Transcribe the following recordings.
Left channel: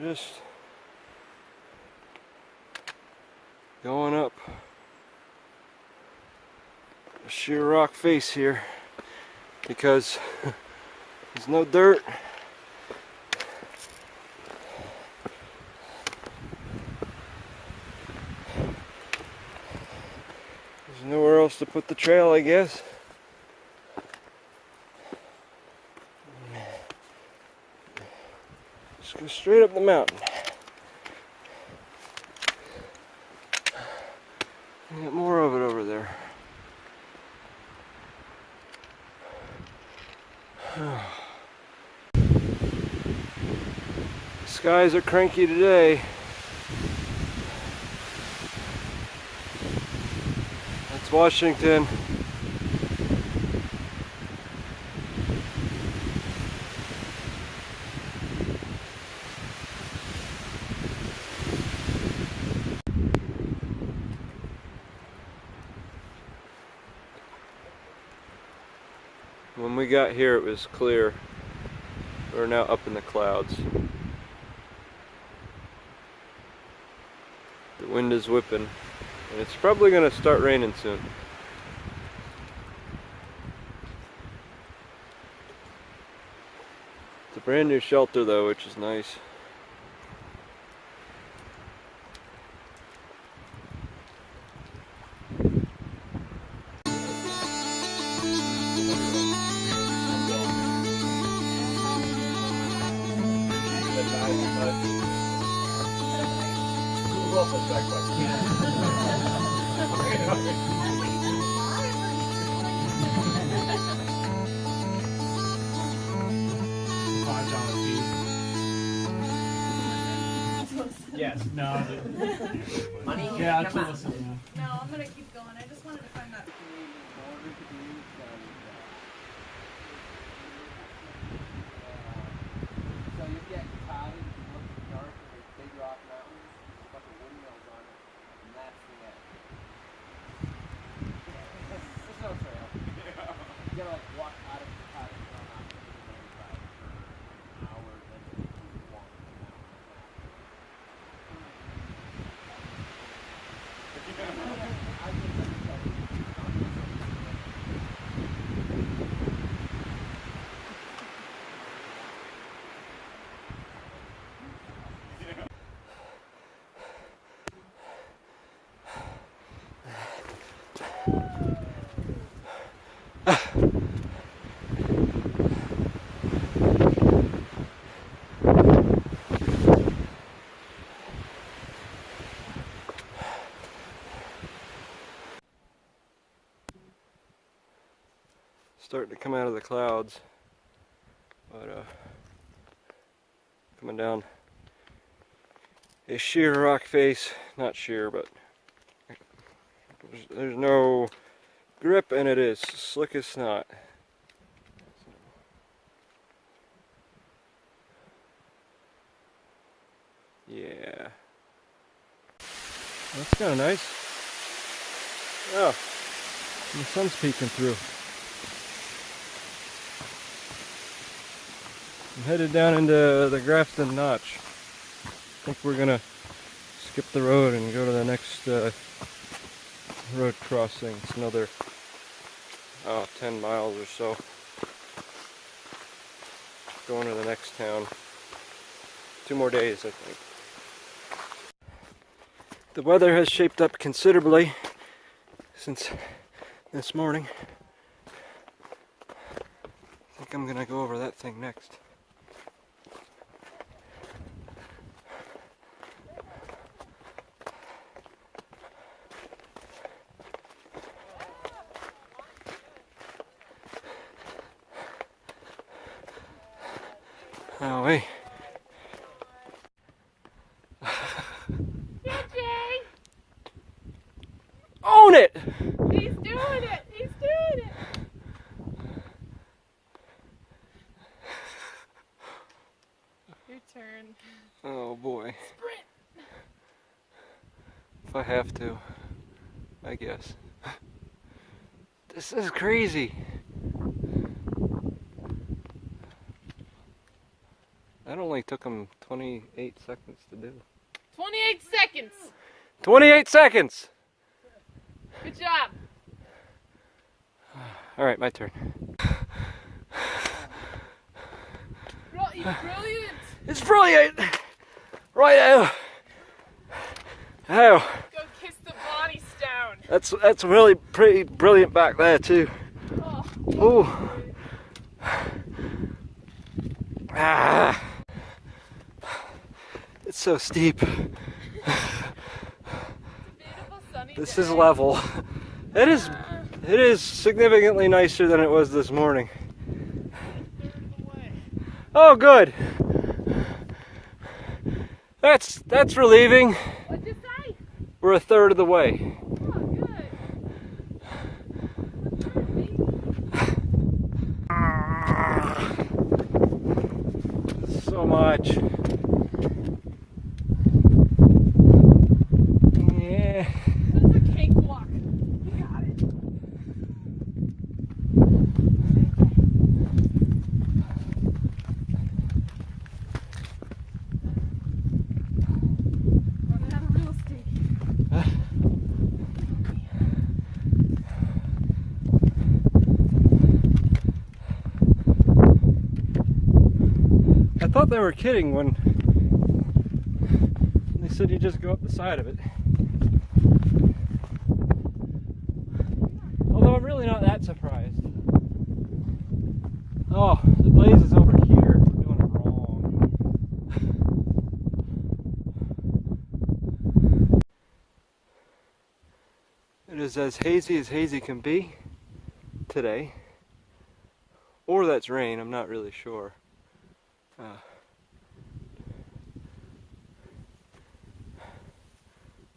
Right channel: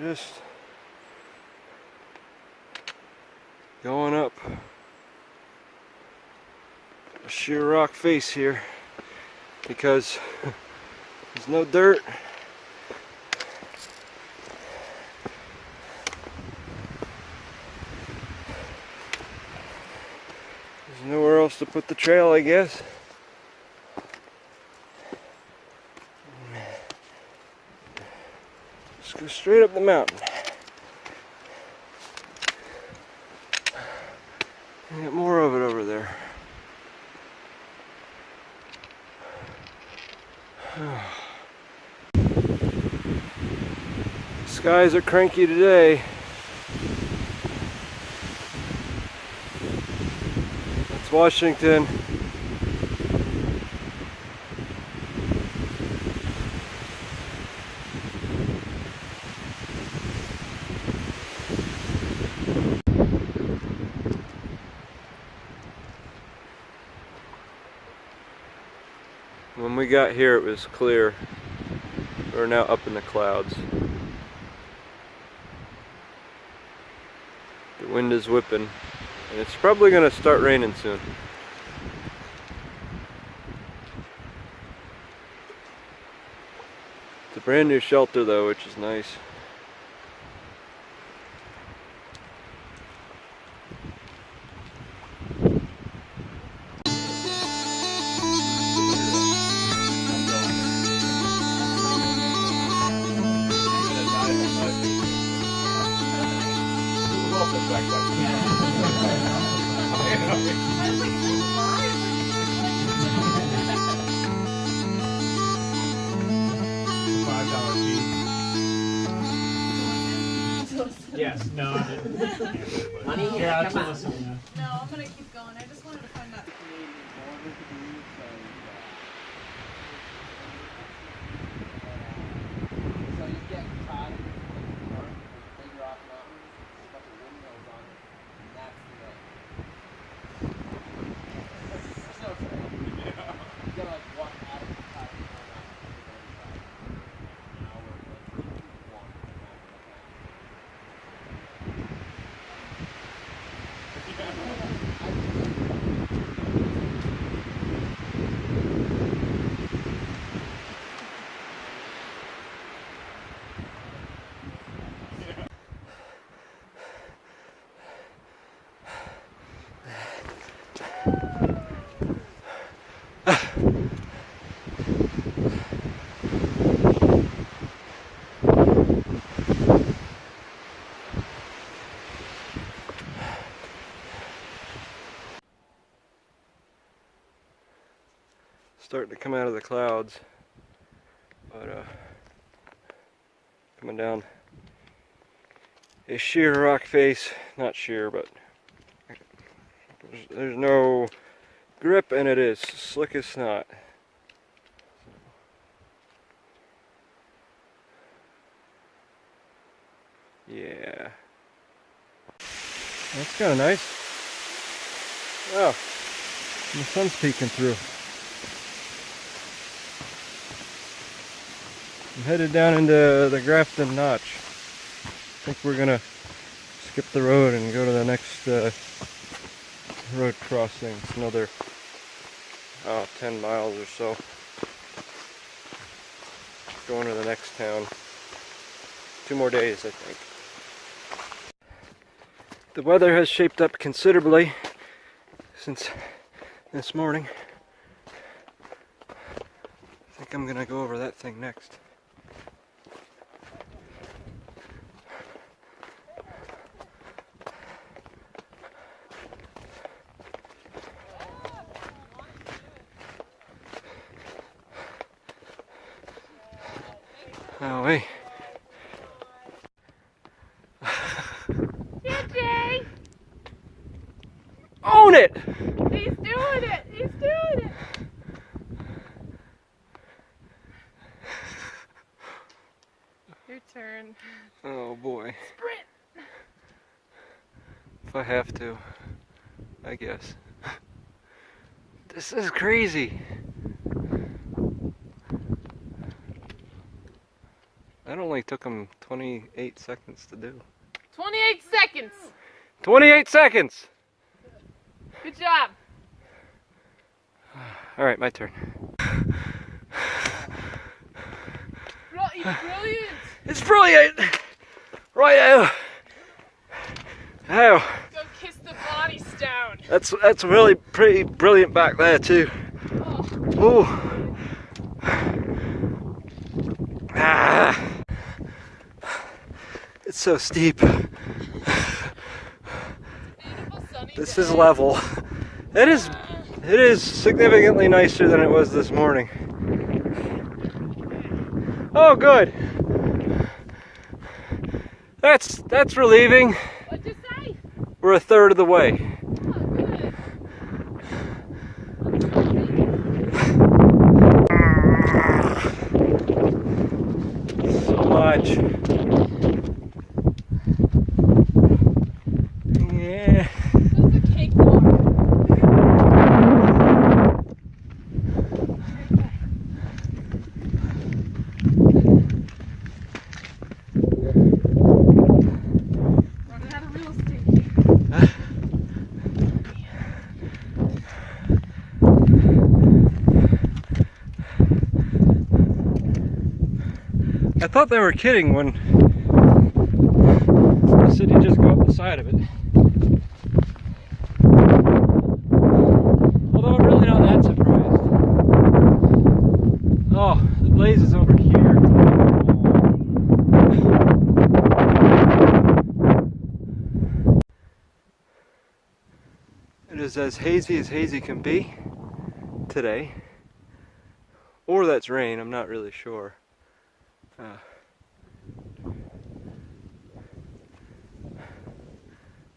Just going up a sheer rock face here because there's no dirt. There's nowhere else to put the trail, I guess. Just go straight up the mountain. And get more of it over there. Skies are cranky today. That's Washington. When we got here it was clear. We're now up in the clouds. The wind is whipping and it's probably going to start raining soon. It's a brand new shelter though, which is nice. Yes, no, I didn't. Honey, Yeah, that's what I said. No, I'm gonna keep going. I just wanted to find that. So you get caught in the dark with Big Rock Mountain, there's a bunch of windmills on it, and that's the way. There's no trail. You gotta like walk out of the cottage mountain for an hour, like walk the mountain. Starting to come out of the clouds, but coming down a sheer rock face, not sheer, but there's no grip and it is slick as snot. Yeah, that's kind of nice. Oh, the sun's peeking through. I'm headed down into the Grafton Notch. I think we're gonna skip the road and go to the next road crossing. It's another 10 miles or so. Going to the next town. 2 more days, I think. The weather has shaped up considerably since this morning. I think I'm gonna go over that thing next. Oh, wait. DJ! Own it! He's doing it! He's doing it! Your turn. Oh boy. Sprint! If I have to, I guess. This is crazy. That only took him 28 seconds to do. 28 seconds. 28 seconds! Good job. Alright, my turn. Brilliant. It's brilliant! Right. Oh, Go kiss the body stone. that's really pretty brilliant back there too. Oh. Ooh. Ah. It's so steep. Beautiful sunny This day. is level. It is significantly nicer than it was this morning. Oh, good. That's relieving. What'd you say? We're a third of the way. So much. Yeah. This is a cakewalk. Running out of real estate. I thought they were kidding when they said you just go up the side of it. Although I'm really not that surprised. Oh, the blaze is over here. It is as hazy can be today. Or that's rain, I'm not really sure.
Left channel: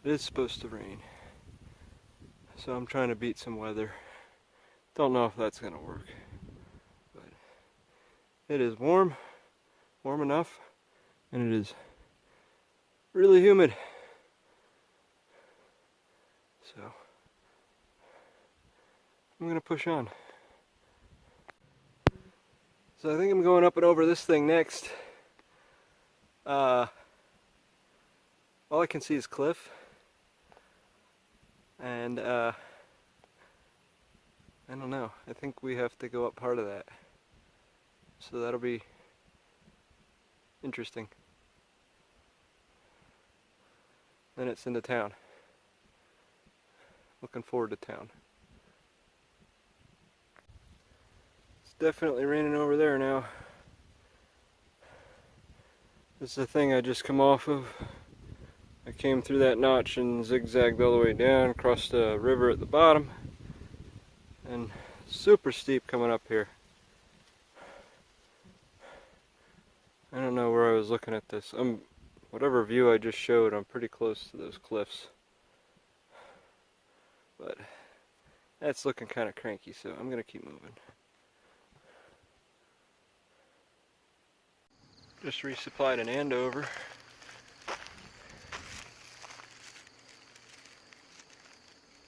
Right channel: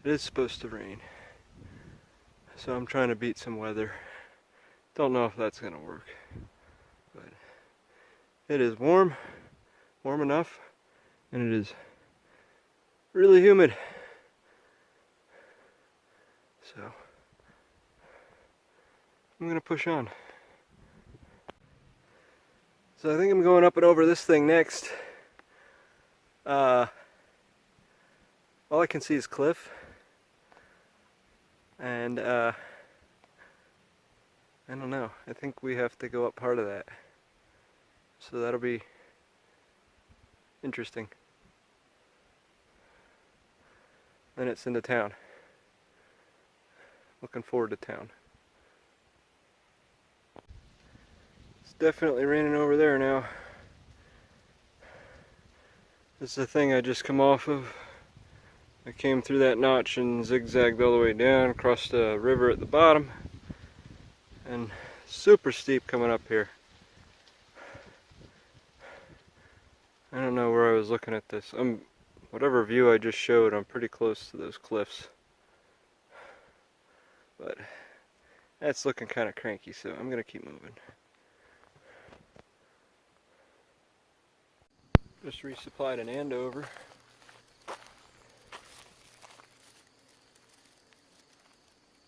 It is supposed to rain, so I'm trying to beat some weather. Don't know if that's gonna work, but it is warm enough, and it is really humid. So I'm gonna push on. So I think I'm going up and over this thing next. All I can see is cliff. And I don't know, I think we have to go up part of that. So that'll be interesting. Then it's into town. Looking forward to town. It's definitely raining over there now. This is the thing I just come off of. I came through that notch and zigzagged all the way down, across the river at the bottom, and super steep coming up here. I don't know where I was looking at this. Whatever view I just showed, I'm pretty close to those cliffs. But that's looking kind of cranky, so I'm gonna keep moving. Just resupplied an Andover.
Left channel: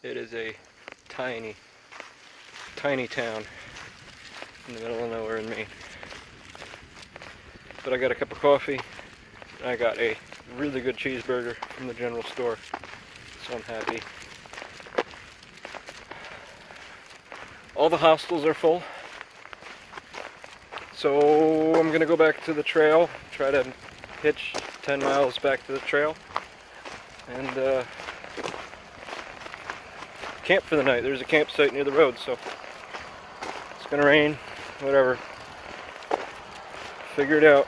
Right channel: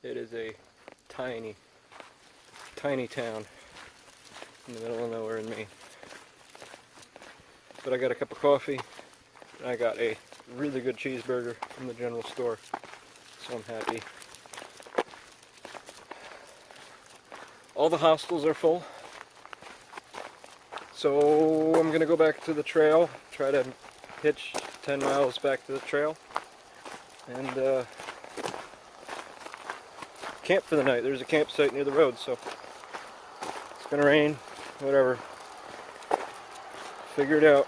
It is a tiny town in the middle of nowhere in Maine. But I got a cup of coffee, and I got a really good cheeseburger from the general store, so I'm happy. All the hostels are full, so I'm gonna go back to the trail, try to hitch 10 miles back to the trail, and camp for the night. There's a campsite near the road, so it's gonna rain, whatever. Figure it out.